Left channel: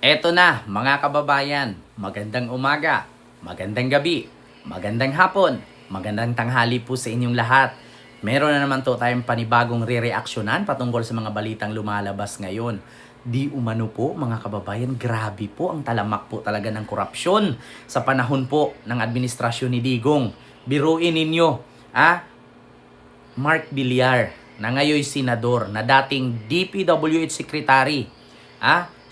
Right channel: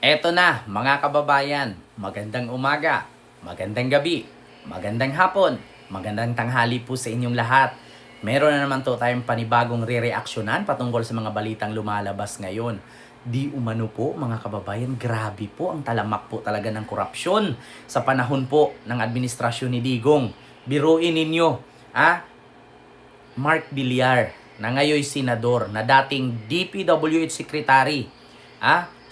Eto na mga kababayan, magandang umaga, magandang gabi, magandang hapon, magandang tanghali po sa inyong lahat. Meron na naman to tayong panibagong re-reaksyonan patungkol sa mga balitang lumalabas ngayon. Di umano po mga kababayan, grabe po ang talamak po talaga ng korupsyon sa panahon po ng administrasyon ni Digong. Biruin ninyo, Mark Villar na ngayon senador na dating DPWH Secretary,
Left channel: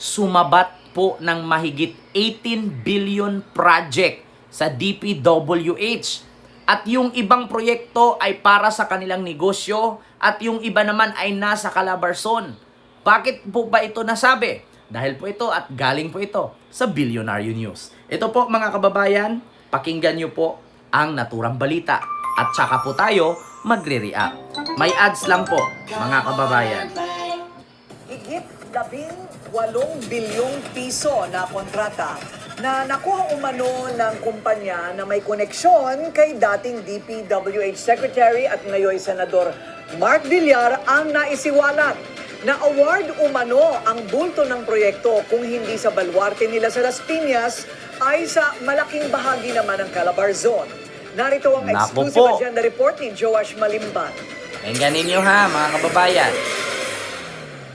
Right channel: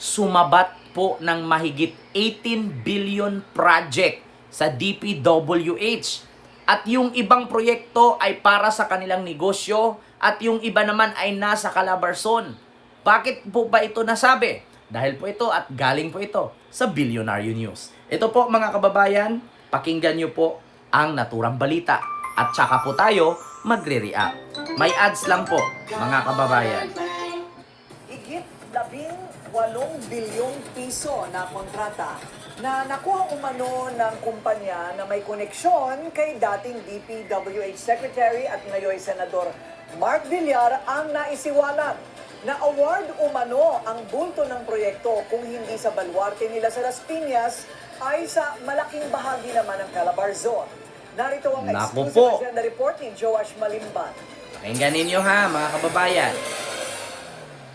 sumabat po ng mahigit 18 billion project sa DPWH. At yung ibang proyekto ay para sa kanilang negosyo at yung iba naman ay nasa Calabarzon. Bakit po ba ito nasabi? Dahil po ito at galing po ito sa Billionaire News. Ito po mga kababayan, pakinggan nyo po ang naturang balita at saka po tayo magre-react. May ads lang po mga kababayan. Higit 18 bilyong piso na kontrata na nakuha umano ng kumpanya na may koneksyon kay dating DPWH Secretary at ngayon Senador Mark Villar ang naisiwalat. Na-award umano ang bulto ng proyekto kung hindi sa baluarte nila sa Las Piñas ay sa malaking bahagi naman ng Calabarzon. Narito ang exclusive agenda report ni Joash Malimban. Pakinggan ninyo ha mga kababayan.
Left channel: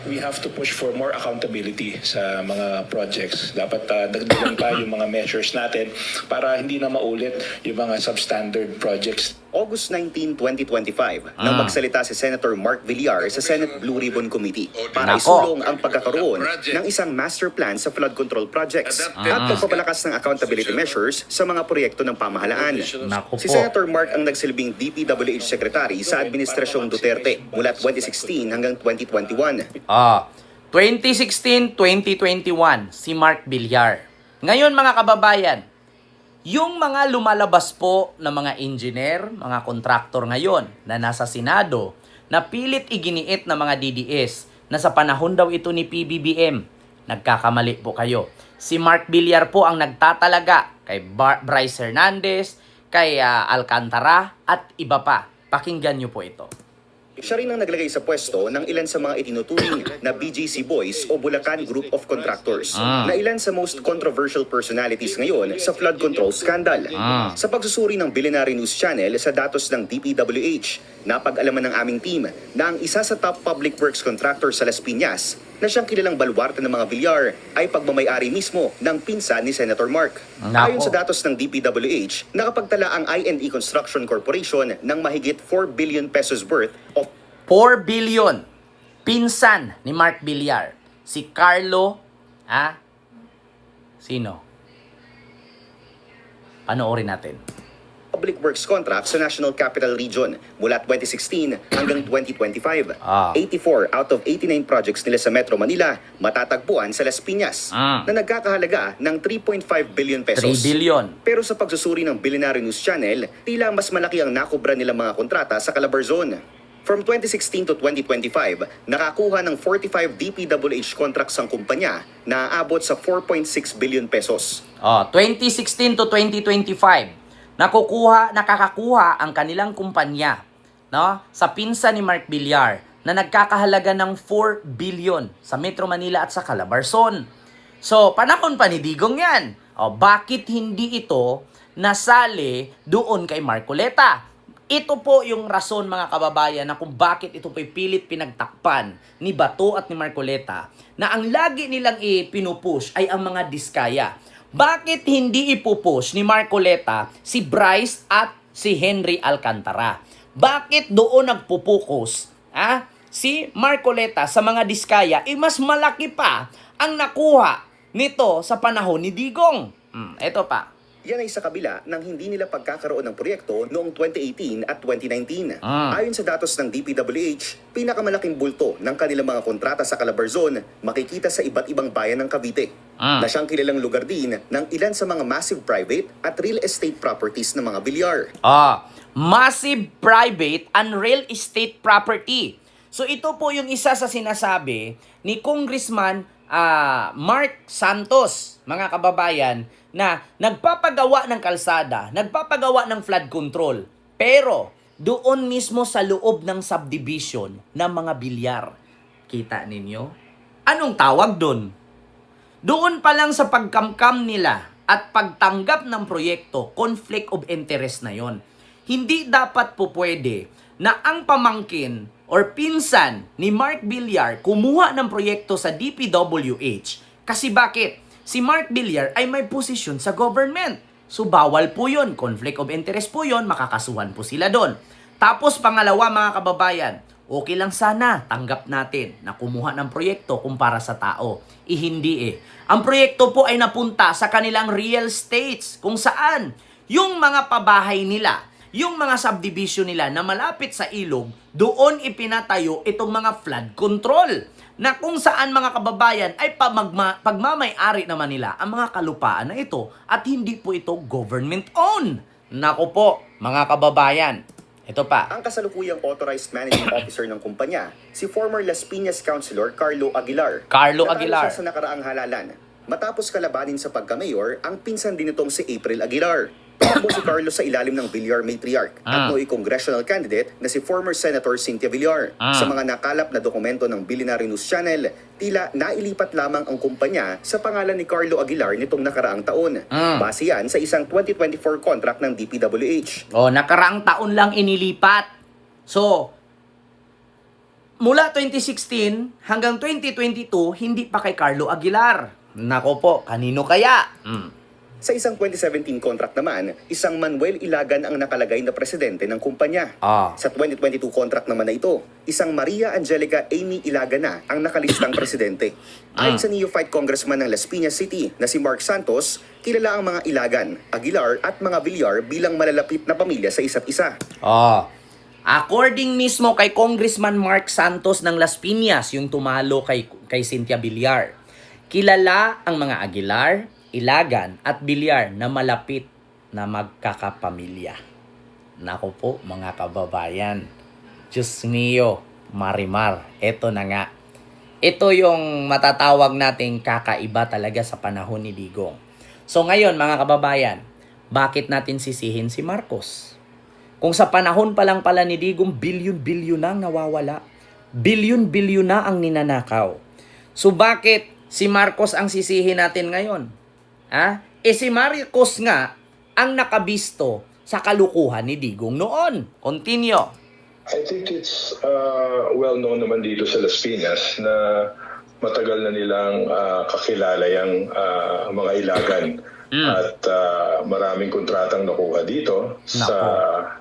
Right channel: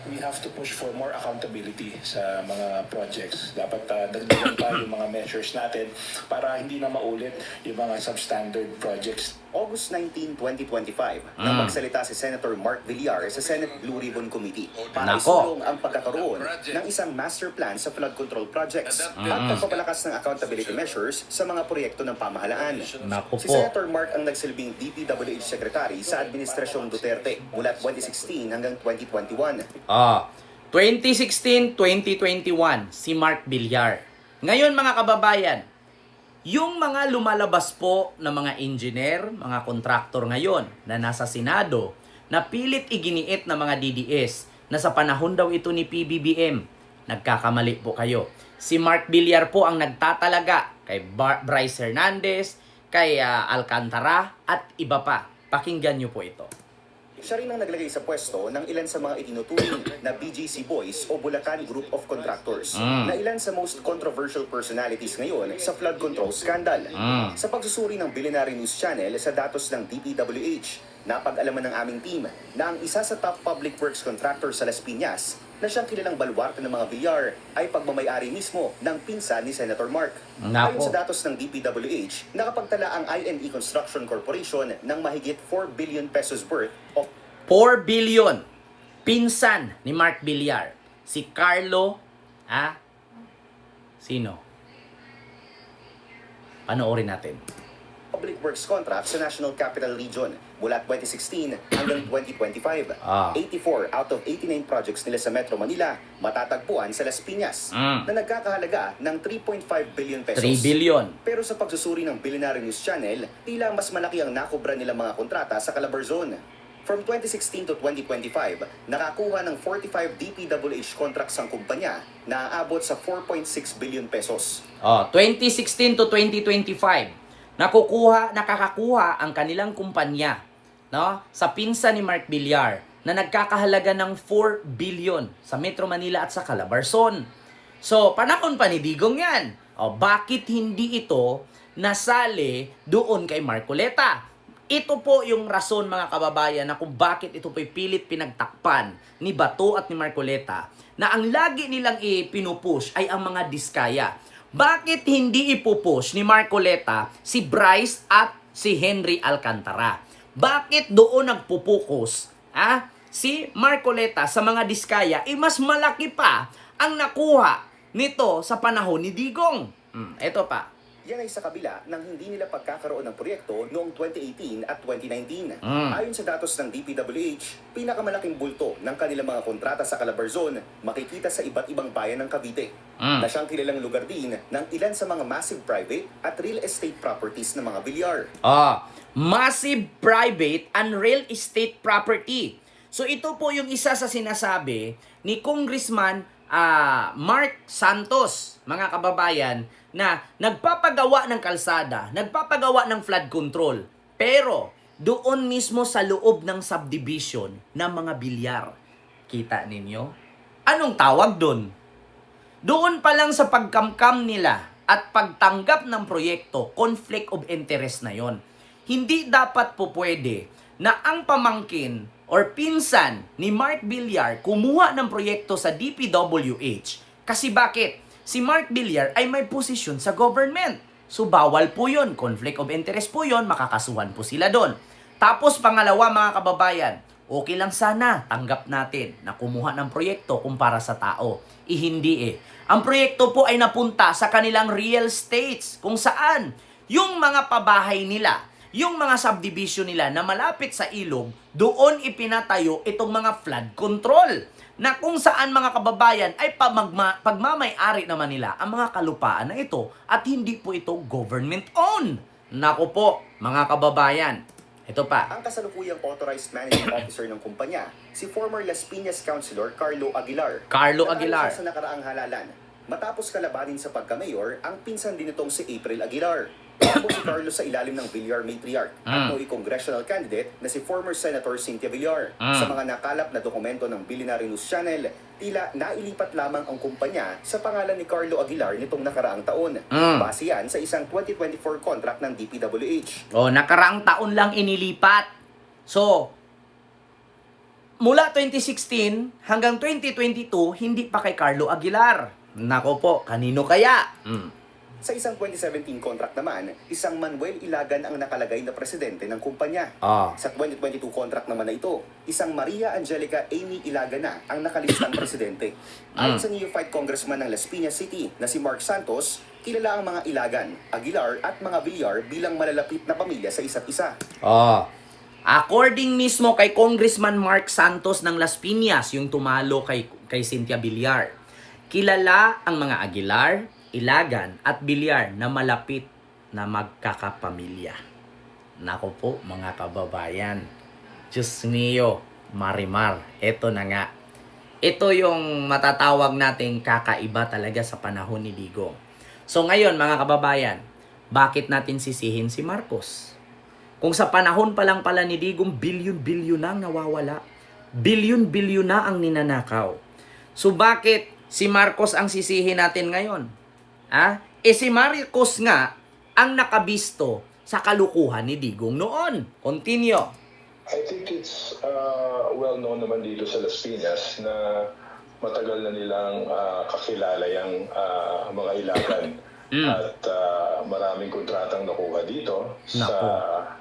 We have to push for more accountability sa mga projects. Dapat dagdagan pa yung mga measures natin para hindi na maulit yung mga substandard projects. August 19, 2025, nang magsalita si Senator Mark Villar sa Senate Blue Ribbon Committee para isulong ang pagkakaroon ng isang master plan sa flood control projects at pagpapalakas ng accountability measures sa mga proyekto ng pamahalaan. Si Senator Mark ang nagsilbing DPWH Secretary sa Administrasyong Duterte mula 2016 hanggang 2021. 2016-2021, si Mark Villar. Ngayon mga kababayan, yung mga lumalabas po na mga engineer, mga kontraktor ngayon na nasa Senado, na pilit iginiit na mga DDS na sa panahon daw ito ni PBBM, nagkakamali po kayo. Si Mark Villar po ang nagtatalaga kay Bryce Hernandez, kay Alcantara at iba pa. Pakinggan nyo po ito. Siya rin ang naglagay sa pwesto ng ilan sa mga itinuturing na BGC Boys o Bulacan Group of Contractors na ilan sa most controversial personalities ngayon sa flood control scandal. Sa pagsusuri ng Billionaire News Channel sa datos ng DPWH, napag-alaman ng aming team na ang isa sa top public works contractor sa Las Piñas na siyang kilalang baluarte ng mga Villar ay pagmamay-ari mismo ng pinsan ni Senator Mark. Ayon sa datos ng DPWH, nakapagtala ang I&E Construction Corporation ng mahigit 4 billion pesos worth of 4 billion. Pinsan ni Mark Villar. Si Carlo, sino? Panoorin natin. public works contracts sa National Capital Region mula 2016 hanggang 2025. 84 out of 89 projects nila sa Metro Manila matatagpuan sa Las Piñas na nagkakahalaga ng 3.5 billion pesos. 3 billion. Pero sa pagsusuri ng Billionaire News Channel, tila mas malaki ang nakubra nilang mga kontrata sa Calabarzon. From 2016 to 2025, nakakuha ng 45 DPWH contracts ang kumpanya na aabot sa 4.6 billion pesos. 2016 to 2025, nakakakuha ang kanilang kumpanya, no, sa pinsan ni Mark Villar na nagkakahalaga ng 4 billion sa Metro Manila at sa Calabarzon. So, panahon pa ni Digong yan. Bakit hindi ito nasali doon kay Marcoleta? Ito po yung rason mga kababayan na kung bakit ito pilit pinagtakpan ni Bato at ni Marcoleta na ang lagi nilang ipinupush ay ang mga diskaya. Bakit hindi ipupush ni Marcoleta si Bryce at si Henry Alcantara? Bakit doon nagpupukus si Marcoleta sa mga diskaya? Mas malaki pa ang nakuha nito sa panahon ni Digong. Ito pa. Yan ay sa kabila ng hindi nila pagkakaroon ng proyekto noong 2018 at 2019. Ayon sa datos ng DPWH, pinakamalaking bulto ng kanilang mga kontrata sa Calabarzon makikita sa iba't ibang bayan ng Cavite, na siyang kilalang lugar din ng ilan sa mga massive private at real estate properties ng mga Villar. Massive private and real estate property. So ito po yung isa sa sinasabi ni Congressman Mark Santos, mga kababayan, na nagpapagawa ng kalsada, nagpapagawa ng flood control, pero doon mismo sa loob ng subdivision ng mga Villar. Kita ninyo? Anong tawag doon? Doon pa lang sa pagkamkam nila at pagtanggap ng proyekto, conflict of interest na yon. Hindi dapat po pwede na ang pamangkin or pinsan ni Mark Villar kumuha ng proyekto sa DPWH. Kasi bakit? Si Mark Villar ay may posisyon sa government. So bawal po yun. Conflict of interest po yun. Makakasuhan po sila doon. Tapos pangalawa mga kababayan, okay lang sana tanggap natin na kumuha ng proyekto kumpara sa tao. Hindi eh. Ang proyekto po ay napunta sa kanilang real estates kung saan yung mga pabahay nila, yung mga subdivision nila na malapit sa ilog, doon ipinatayo itong mga flood control. Na kung saan mga kababayan ay pagmamay-ari naman nila ang mga kalupaan na ito at hindi po ito government-owned. Nako po mga kababayan, ito pa. Ang kasalukuyang authorized managing officer ng kumpanya, si former Las Piñas Councilor Carlo Aguilar. Carlo Natalo Aguilar. siya sa nakaraang halalan. Matapos kalabanin sa pagka-mayor, ang pinsan din itong si April Aguilar. Tumakbo si Carlo sa ilalim ng Villar Matriarch at nooy congressional candidate na si former Senator Cynthia Villar. Sa mga nakalap na dokumento ng Billionaire News Channel, tila nailipat lamang ang kumpanya sa pangalan ni Carlo Aguilar nitong nakaraang taon. Base yan sa isang 2024 contract ng DPWH. Nakaraang taon lang inilipat. So, mula 2016 hanggang 2022, hindi pa kay Carlo Aguilar. Nako po, kanino kaya? Sa isang 2017 contract naman, isang Manuel Ilagan ang nakalagay na presidente ng kumpanya. Sa 2022 contract naman na ito, isang Maria Angelica Amy Ilagan na ang nakalistang presidente. Ayon sa neophyte congressman ng Las Piñas City na si Mark Santos, kilala ang mga Ilagan, Aguilar at mga Villar bilang malalapit na pamilya sa isa't isa. According mismo kay Congressman Mark Santos ng Las Piñas, yung tumalo kay Cynthia Villar, kilala ang mga Aguilar, Ilagan at Villar na malapit na magkakapamilya. Nako po mga kababayan. Diyos mio, Marimar. Ito na nga. Ito yung matatawag nating kakaiba talaga sa panahon ni Digong. So ngayon mga kababayan, bakit natin sisihin si Marcos? Kung sa panahon pa lang pala ni Digong, bilyon-bilyon na ang nawawala. Bilyon-bilyon na ang ninanakaw. So bakit si Marcos ang sisihin natin ngayon? Si Marcos nga ang nakabisto sa kalukuhan ni Digong noon. Continue. I think it's well known naman dito sa Las Piñas na matagal na nilang kakilala yung mga Ilagan. At maraming kontratang nakuha dito sa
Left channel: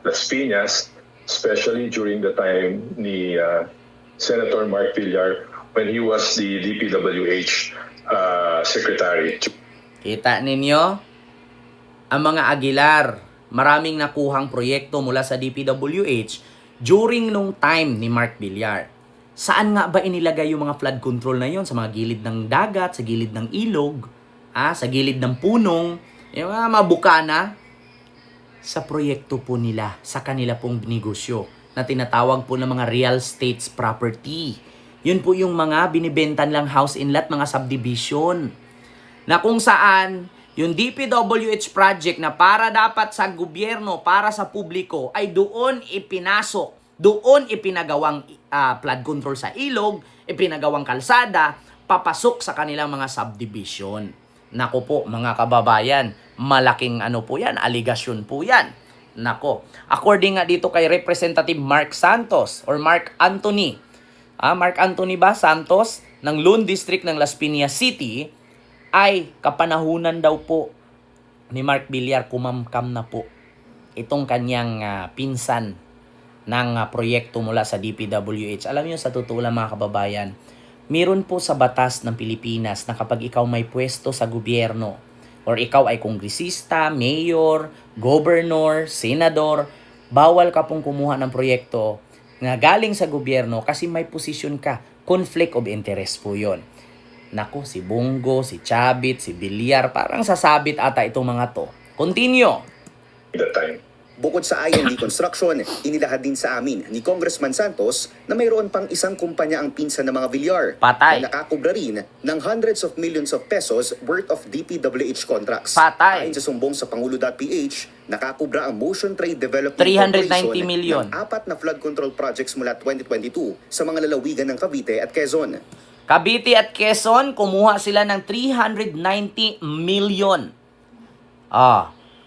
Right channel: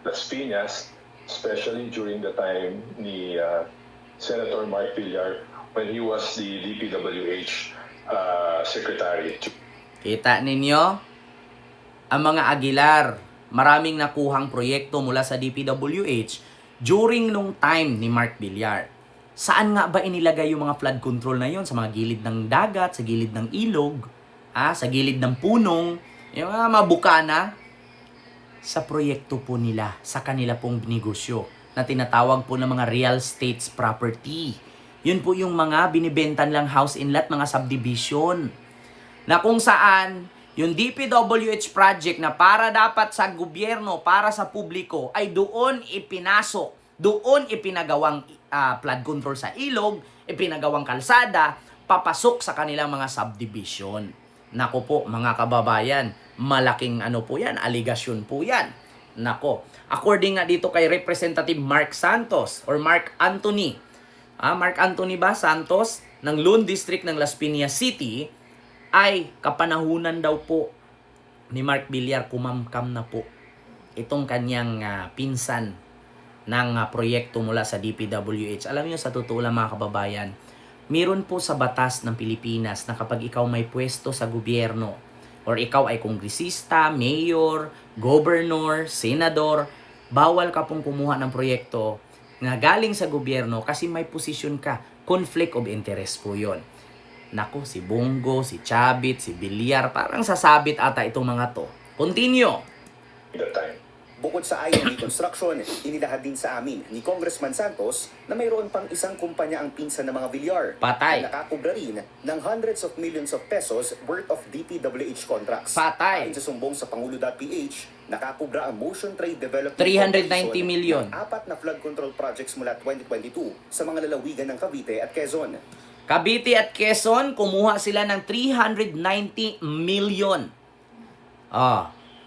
Las Piñas, especially during the time ni Senator Mark Villar when he was the DPWH secretary. Kita ninyo? Ang mga Aguilar, maraming nakuhang proyekto mula sa DPWH during nung time ni Mark Villar. Saan nga ba inilagay yung mga flood control na yon? Sa mga gilid ng dagat, sa gilid ng ilog, sa gilid ng punong, yung mga mabukana? Sa proyekto po nila, sa kanila pong negosyo na tinatawag po ng mga real estates property. Yun po yung mga binibentan lang house and lot, mga subdivision. Na kung saan yung DPWH project na para dapat sa gobyerno, para sa publiko, ay doon ipinasok, doon ipinagawang flood control sa ilog, ipinagawang kalsada, papasok sa kanilang mga subdivision. Nako po mga kababayan, malaking po yan, aligasyon po yan. Nako, according nga dito kay Representative Mark Santos or Mark Anthony, Mark Anthony ba Santos ng Lone District ng Las Piñas City, ay kapanahunan daw po ni Mark Villar kumamkam na po itong kanyang pinsan ng proyekto mula sa DPWH. Alam niyo sa totoo lang mga kababayan, meron po sa batas ng Pilipinas na kapag ikaw may pwesto sa gobyerno or ikaw ay kongresista, mayor, governor, senador, bawal ka pong kumuha ng proyekto na galing sa gobyerno kasi may posisyon ka. Conflict of interest po yon. Nako, si Bongo, si Chavit, si Villar, parang sasabit ata itong mga to. Continue. That time. Bukod sa IND Construction, inilahad din sa amin ni Congressman Santos na mayroon pang isang kumpanya ang pinsan ng mga Villar Patay. na nakakubra rin ng hundreds of millions of pesos worth of DPWH contracts. Patay. Ayon sa sumbong sa Pangulo.ph, nakakubra ang Motion Trade Development 390 Corporation million. ng 4 na flood control projects mula 2022 sa mga lalawigan ng Cavite at Quezon. Cavite at Quezon, kumuha sila ng 390 million.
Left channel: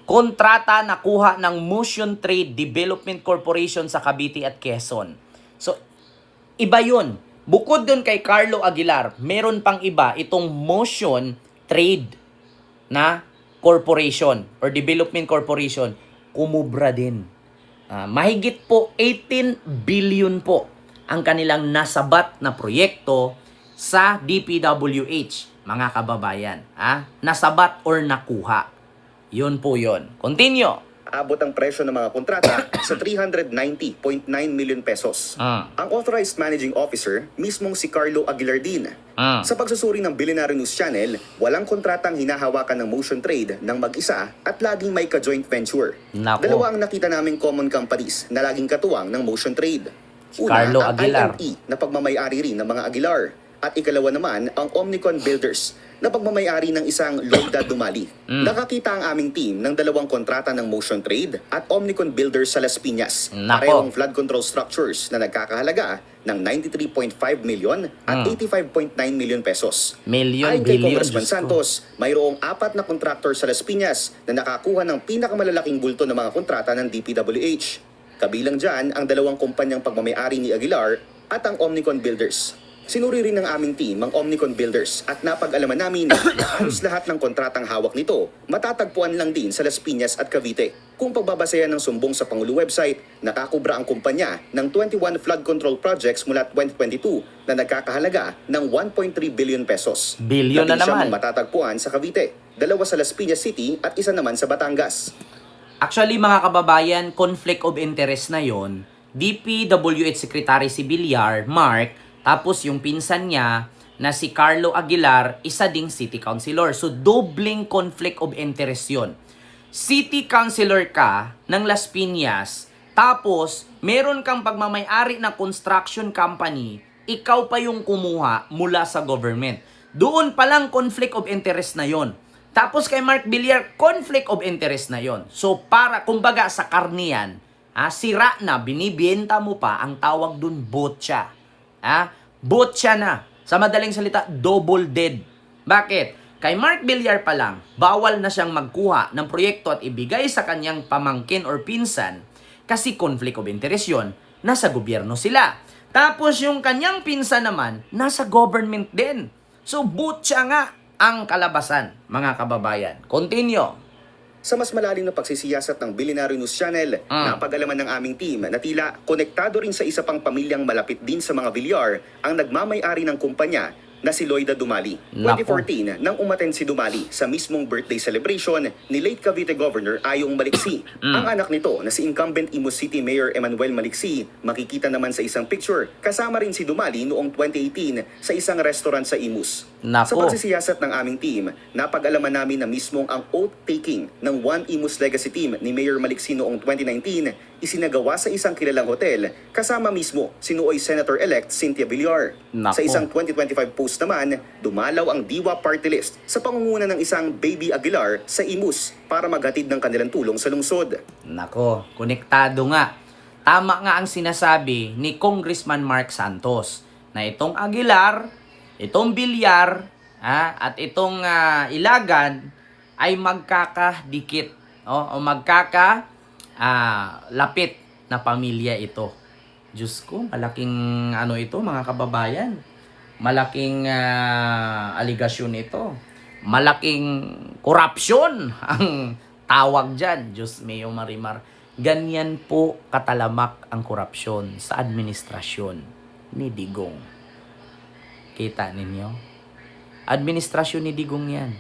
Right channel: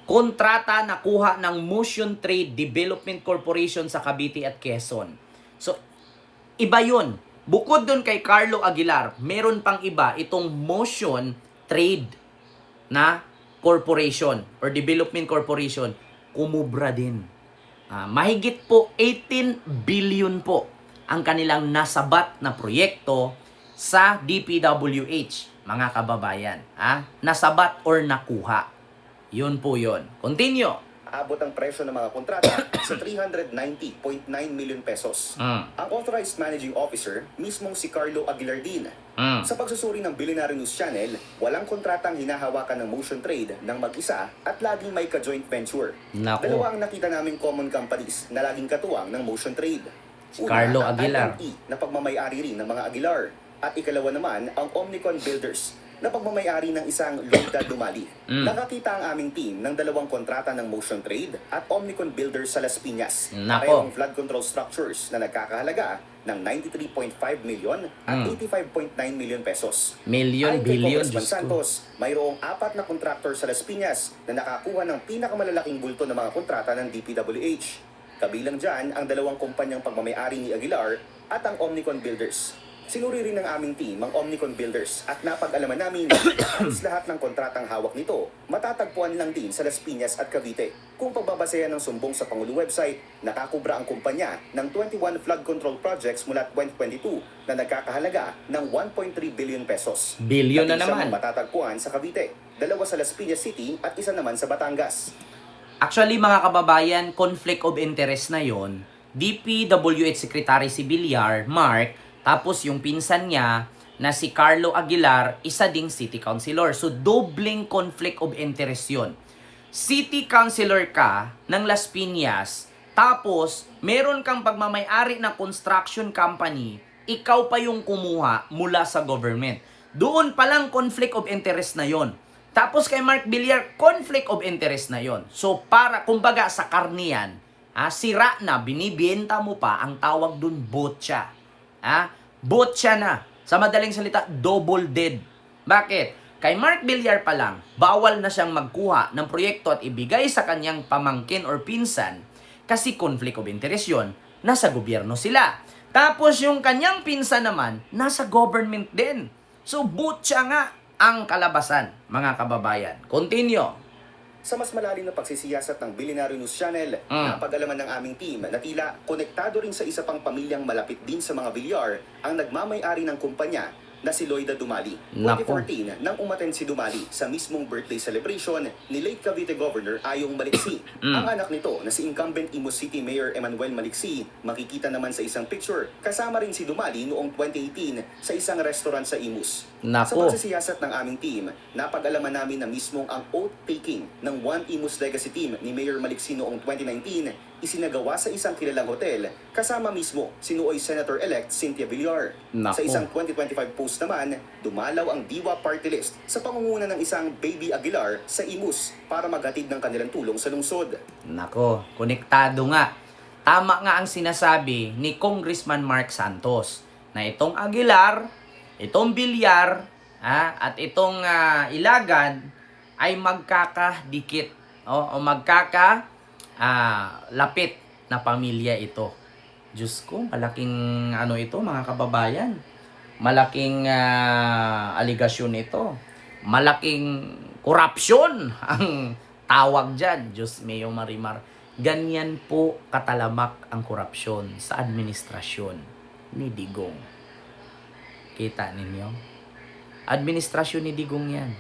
Kontrata nakuha ng Motion Trade Development Corporation sa Cavite at Quezon. So, iba yun. Bukod dun kay Carlo Aguilar, meron pang iba itong Motion Trade na corporation or development corporation, kumubra din. Mahigit po 18 billion po ang kanilang nasabat na proyekto sa DPWH, mga kababayan. Nasabat or nakuha. Yun po yun. Continue. Abot ang presyo ng mga kontrata sa 390.9 million pesos. Ang authorized managing officer, mismong si Carlo Aguilar din. Sa pagsusuri ng Billionaire News Channel, walang kontratang hinahawakan ng Motion Trade ng mag-isa at laging may ka-joint venture. Nako. Dalawa ang nakita naming common companies na laging katuwang ng Motion Trade. Si Carlo Aguilar. Ang IME na pagmamayari rin ng mga Aguilar. At ikalawa naman ang Omnicon Builders na pagmamayari ng isang Lloyda Dumali. Nakakita ang aming team ng dalawang kontrata ng Motion Trade at Omnicon Builders sa Las Piñas. Nako. Parehong flood control structures na nagkakahalaga ng 93.5 million at 85.9 million pesos. Million, Ayon kay billion, Congressman Diyos ko. Santos, mayroong 4 na contractor sa Las Piñas na nakakuha ng pinakamalalaking bulto ng mga kontrata ng DPWH. Kabilang dyan ang dalawang kumpanyang pagmamayari ni Aguilar at ang Omnicon Builders. Sinuri rin ng aming team ang Omnicon Builders at napag-alaman namin na halos lahat ng kontratang hawak nito matatagpuan lang din sa Las Piñas at Cavite. Kung pagbabasehan ng sumbong sa Pangulo website, nakakubra ang kumpanya ng 21 flood control projects mula 2022 na nagkakahalaga ng 1.3 billion pesos. Billion na Labing siyam naman. ang matatagpuan sa Cavite, 2 sa Las Piñas City at 1 naman sa Batangas. Actually, mga kababayan, conflict of interest na yon. DPWH Secretary si Villar, Mark, tapos yung pinsan niya na si Carlo Aguilar, isa ding city councilor. So, dobling conflict of interest yon. City councilor ka ng Las Piñas, tapos meron kang pagmamayari na construction company, ikaw pa yung kumuha mula sa government. Doon palang conflict of interest na yon. Tapos kay Mark Villar, conflict of interest na yon. So, para, kumbaga sa karniyan, sira na, binibenta mo pa, ang tawag dun botya. Botya na. Sa madaling salita, double dead. Bakit? Kay Mark Villar pa lang, bawal na siyang magkuha ng proyekto at ibigay sa kanyang pamangkin or pinsan kasi conflict of interest yun, nasa gobyerno sila. Tapos yung kanyang pinsan naman, nasa government din. So, botya nga ang kalabasan, mga kababayan. Continue. Sa mas malalim na pagsisiyasat ng Billionaire News Channel, napag-alaman ng aming team na tila konektado rin sa isa pang pamilyang malapit din sa mga Villar ang nagmamay-ari ng kumpanya na si Lloyda Dumali. Nako. 2014, nang umattend si Dumali sa mismong birthday celebration ni late Cavite Governor Ayong Maliksi. Ang anak nito na si incumbent Imus City Mayor Emmanuel Maliksi, makikita naman sa isang picture kasama rin si Dumali noong 2018 sa isang restaurant sa Imus. Nako. Sa pagsisiyasat ng aming team, napag-alaman namin na mismong ang oath-taking ng One Imus Legacy Team ni Mayor Maliksi noong 2019 isinagawa sa isang kilalang hotel kasama mismo si Nuoy Senator-elect Cynthia Villar. Nako. Sa isang 2025 post naman, dumalaw ang Diwa Party List sa pangunguna ng isang Baby Aguilar sa Imus para maghatid ng kanilang tulong sa lungsod. Nako, konektado nga. Tama nga ang sinasabi ni Congressman Mark Santos na itong Aguilar, itong Villar, at itong Ilagan ay magkakadikit o lapit na pamilya ito. Diyos ko, malaking ito mga kababayan. Malaking aligasyon ito. Malaking korupsyon ang tawag dyan. Diyos mio marimar. Ganyan po katalamak ang korupsyon sa administrasyon ni Digong. Kita ninyo? Administrasyon ni Digong yan.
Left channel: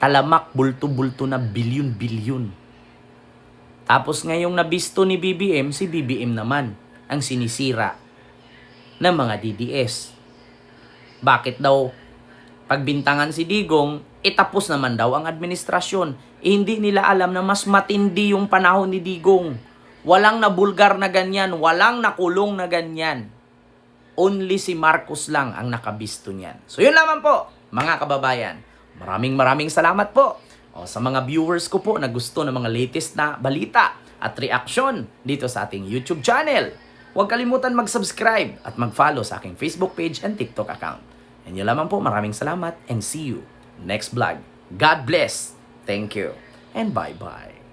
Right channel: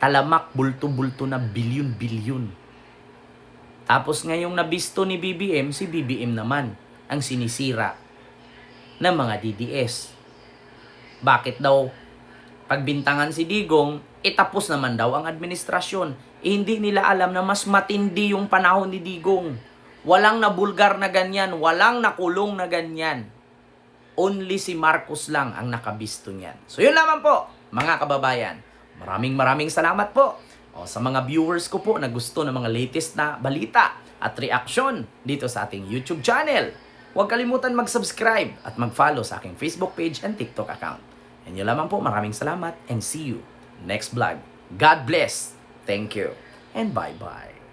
Talamak, bulto-bulto na bilyon-bilyon. Tapos ngayong nabisto ni BBM, si BBM naman ang sinisira ng mga DDS. Bakit daw pagbintangan si Digong, tapos naman daw ang administrasyon. Hindi nila alam na mas matindi yung panahon ni Digong. Walang nabulgar na ganyan, walang nakulong na ganyan. Only si Marcos lang ang nakabisto niyan. So yun lamang po, mga kababayan. Maraming salamat po. Sa mga viewers ko po na gusto ng mga latest na balita at reaksyon dito sa ating YouTube channel. Huwag kalimutan mag-subscribe at mag-follow sa aking Facebook page and TikTok account. And yun lamang po, maraming salamat and see you next vlog. God bless. Thank you. And bye-bye.